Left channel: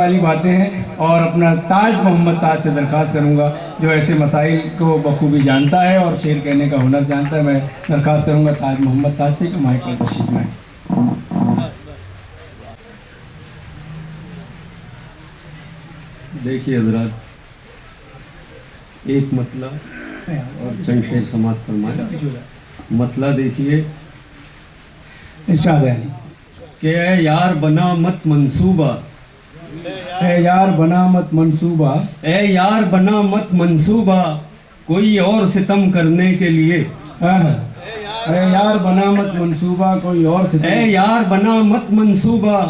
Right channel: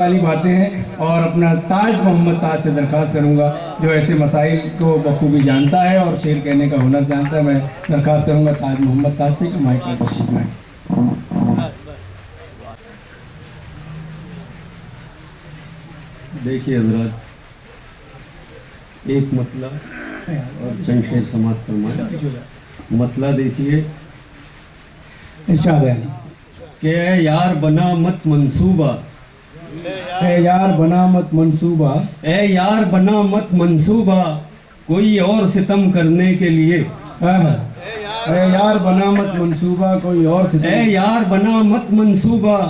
वाली बातें हैं और अपना ताज मोहम्मद ताज से दरख्वास्त करूंगा जो ऐसे मसाइल को बखूबी जानता है और शेर कहने का हुनर जानता है। मैं दरख्वास्त करूंगा ताज मोहम्मद ताज से कि माइक पर तशरीफ लाएं। देखिए हजरात, एक मतला और चंद शेर समाप्त फरमाए। मतला देखिए, इरशाद है कि यार बना मत मंसूबा, ए यार बना मत मंसूबा, ए यार बना मत मंसूबा कोई और सितम करने के लिए। ए यार बना मत मंसूबा कोई और ए यार बना मत मंसूबा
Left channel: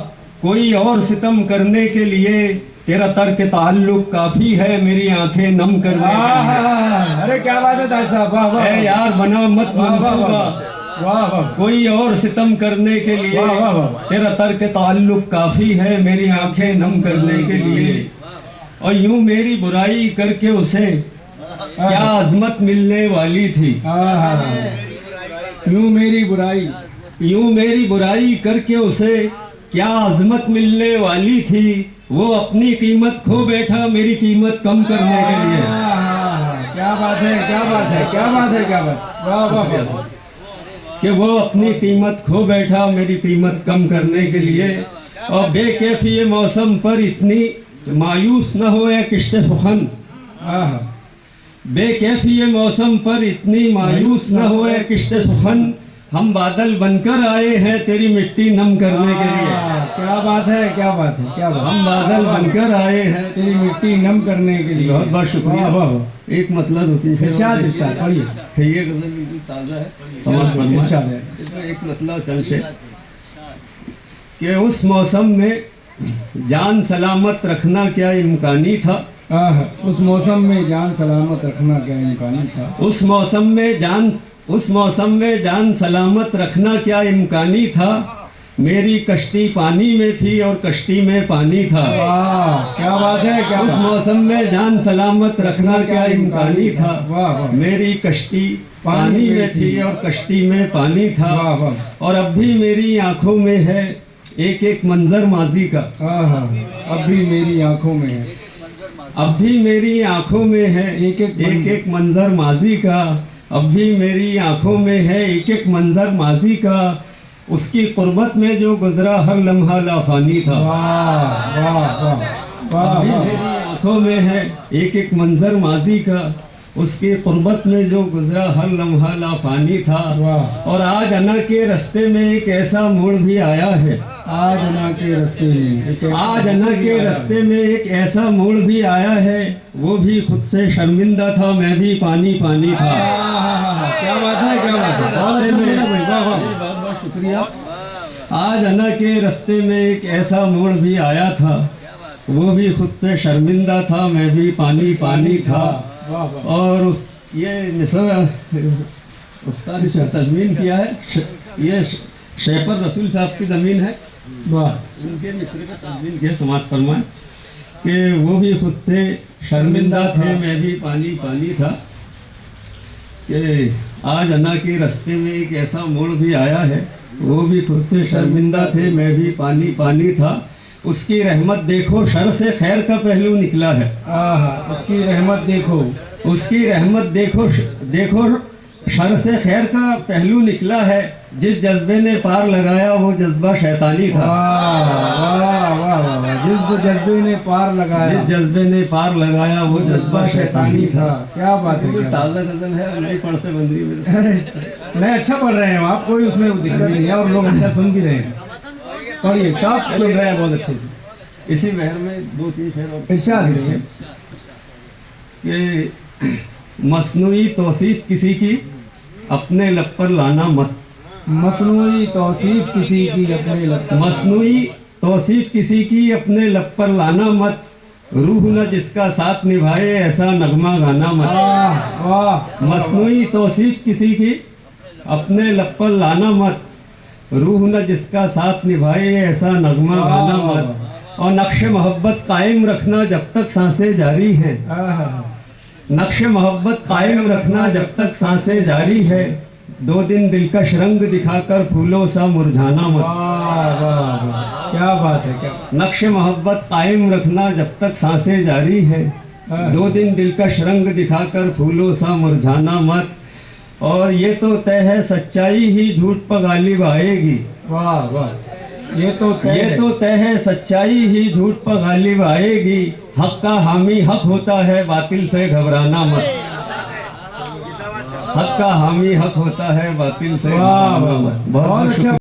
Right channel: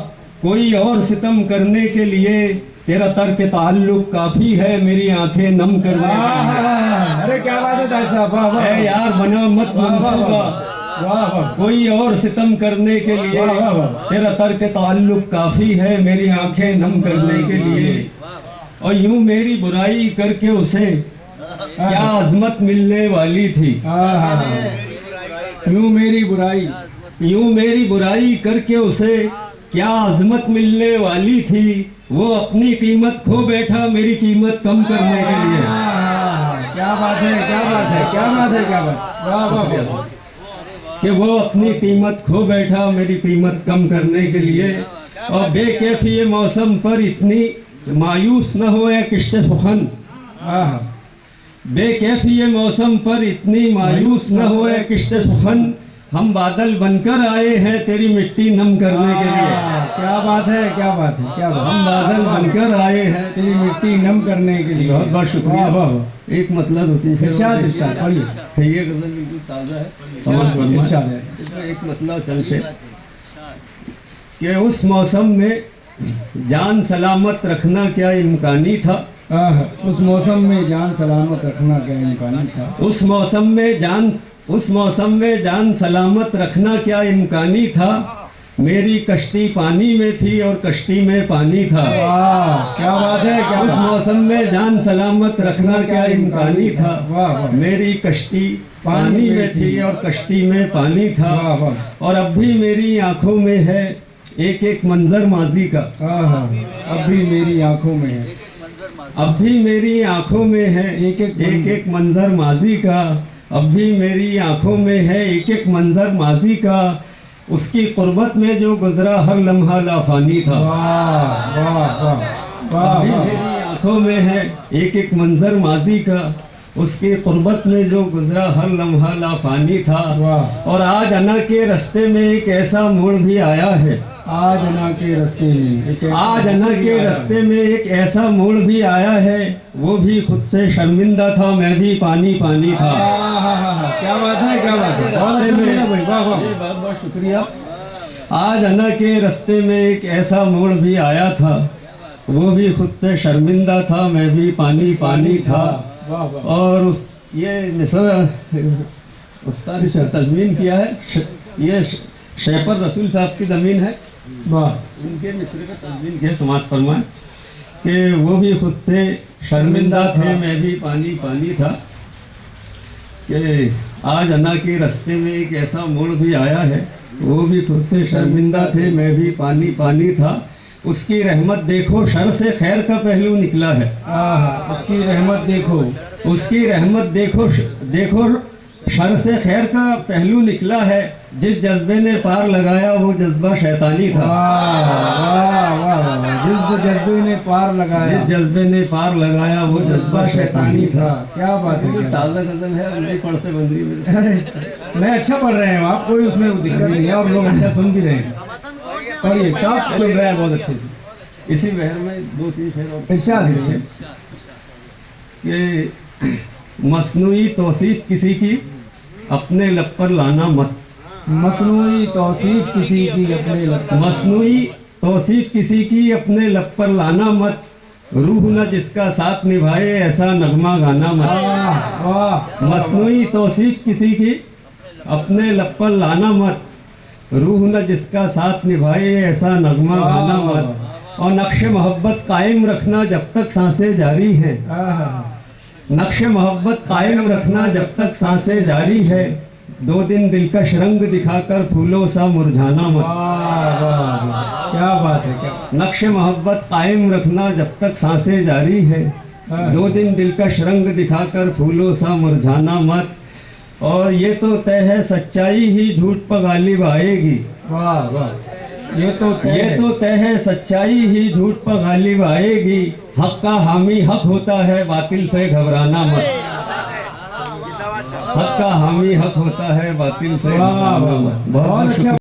कोई और सितम करने के लिए। तेरा तर्क ताल्लुक काफी है मेरी आंखें नम करने के लिए। अरे क्या बात है ताज साहब, वाह वाह। ए यार बना मत मंसूबा वाह वाह, कोई और सितम करने के लिए। वाह वाह वाह। तेरा तर्क ताल्लुक काफी है मेरी आंखें नम करने के लिए। और यूं मेरी बुराई करके उसे क्या अजमत मिलने वाली थी। यूं मेरी बुराई, यूं मेरी बुराई करके उसे क्या अजमत मिलने वाली थी। वो अपनी कीमत खो बैठा मेरी कीमत कम करने के लिए। क्या बात है, क्या बात है, क्या बात है, क्या बात, वाह वाह वाह। कि वो अपनी कीमत खो बैठा मेरी कीमत कम करने के लिए। और बेकैफी मौसम पर इतनी मायूस न हो ए किश्ते फुखन। बेकैफी मौसम पर इतनी मायूस न हो ए किश्ते फुखन। हम बादल बनकर आए हैं तेरी मिट्टी नम करने के लिए। क्या बात है, क्या बात है, क्या बात। हम बादल बनकर आए हैं तेरी मिट्टी नम करने के लिए। बहुत बहुत शुक्रिया। वाह वाह। एक मतलब होती है इरशाद इरशाद पढ़िए। ये गजल बिल्कुल ताज़ा है, समझ फरमाएं। इरशाद है। एक मतलब चल से कि उस मौसम में जान सलामत रखना क्या इम्कानी था। उस मौसम में जान सलामत रखना क्या इम्कानी था। उस मौसम में जान सलामत रखना क्या इम्कानी था। मेरी कश्ती पानी में थी और कश्ती में पानी था। क्या बात है, क्या उस मौसम में जान सलामत रखना क्या इम्कानी था। वाह वाह। मेरी कश्ती पानी में थी और कश्ती में पानी था। वाह वाह। और अब भी मेरी आंखों में है एक एक मंजर माजी का। अब भी मेरी आंखों में है, अब भी मेरी आंखों में है एक एक मंजर माजी का। अब भी मेरी आंखों में है एक एक मंजर माजी का। उसकी कुर्बत में जो गुजरा हर लम्हा लाफानी था। वाह वाह वाह अब भी मेरी आंखों में है एक एक मंजर माजी का। उसकी कुर्बत में जो गुजरा हर लम्हा लाफानी था। और आज अना के रास्ते में एक ऐसा मोड़ भी आया है। आज अना के रास्ते में, आज अना के रास्ते में एक ऐसा मोड़ भी आया है। वो भी खुद से शर्मिंदा था, मैं भी पानी पानी था। क्या बात है, क्या बात है, बहुत बहुत शुक्रिया। आज अना के रास्ते में एक ऐसा मोड़ भी आया था। वो भी खुद से शर्मिंदा था, मैं भी पानी पानी था। और उस ये उस्ताद ने तज़मीन किया है। ये शेपर रसूल साहब की ज़मीन है। वाह। उनके मिसरे पर तज़मीन किया, समात फरमाएं कि वो भी खुद से शर्मिंदा थे, मैं भी पानी पानी था। कि आज अना के रास्ते में एक ऐसा मोड़ भी आया है। वो भी खुद से शर्मिंदा थे, मैं भी पानी पानी था। उसकी रहमत देखो शर से खैर का पहलू निकला है। उसकी रहमत देखो, उसकी रहमत देखो देखो शर से खैर का पहलू निकला है। जिस जज्बे ने पार लगाया वो जज्बा शैतानी था। जिस जज्बे ने पार लगाया, जिस जज्बे ने पार लगाया वो जज्बा शैतानी था। क्या बात है, ताज़ा गजल है, नहीं पढ़ते बंदी में। नहीं, अच्छा पढ़ रहे हैं आप, कोई उसमें दिक्कत नहीं है और लोग अच्छा सुन भी रहे हैं। पढ़िए, साफ सुन रहे हैं बहुत अच्छे से। इसी बहर में दो तीन शेर और इरशाद कि मसनूई तौसीफ किसी की अपने लब पर लाना मत। मसनूई तौसीफ किसी की अपने लब पर, मसनूई तौसीफ किसी की अपने लब पर लाना मत। रूह न जिसका साथ निभाए ऐसा नगमा गाना मत। वाह। मसनूई तौसीफ किसी की अपने लब पर लाना मत। रूह न जिसका साथ निभाए ऐसा नगमा गाना मत। और नक्श मोहब्बत कायम रखना जब तक सांसें जारी हैं। नक्श मोहब्बत कायम रखना जब तक सांसें जारी है। दो दिन दिलकश रंग दिखाकर फूलों सा मुरझाना मत। वाह वाह वाह, क्या बात है, क्या नक्शे मोहब्बत कायम रखना जब तक सांसें जारी है। हाँ। दो दिन दिलकश रंग दिखाकर फूलों सा मुरझाना मत। और ये तो तय है सच्चाई ही झूठ पर गालिब आएगी। वाह वाह, ये तो तय है सच्चाई ही झूठ पर गालिब आएगी। हक का हामी हक होता है, बातिल से घबराना मत। हक का हामी हक होता है, बातिल से वाह घबराना वाह, मत। बहुत अच्छा।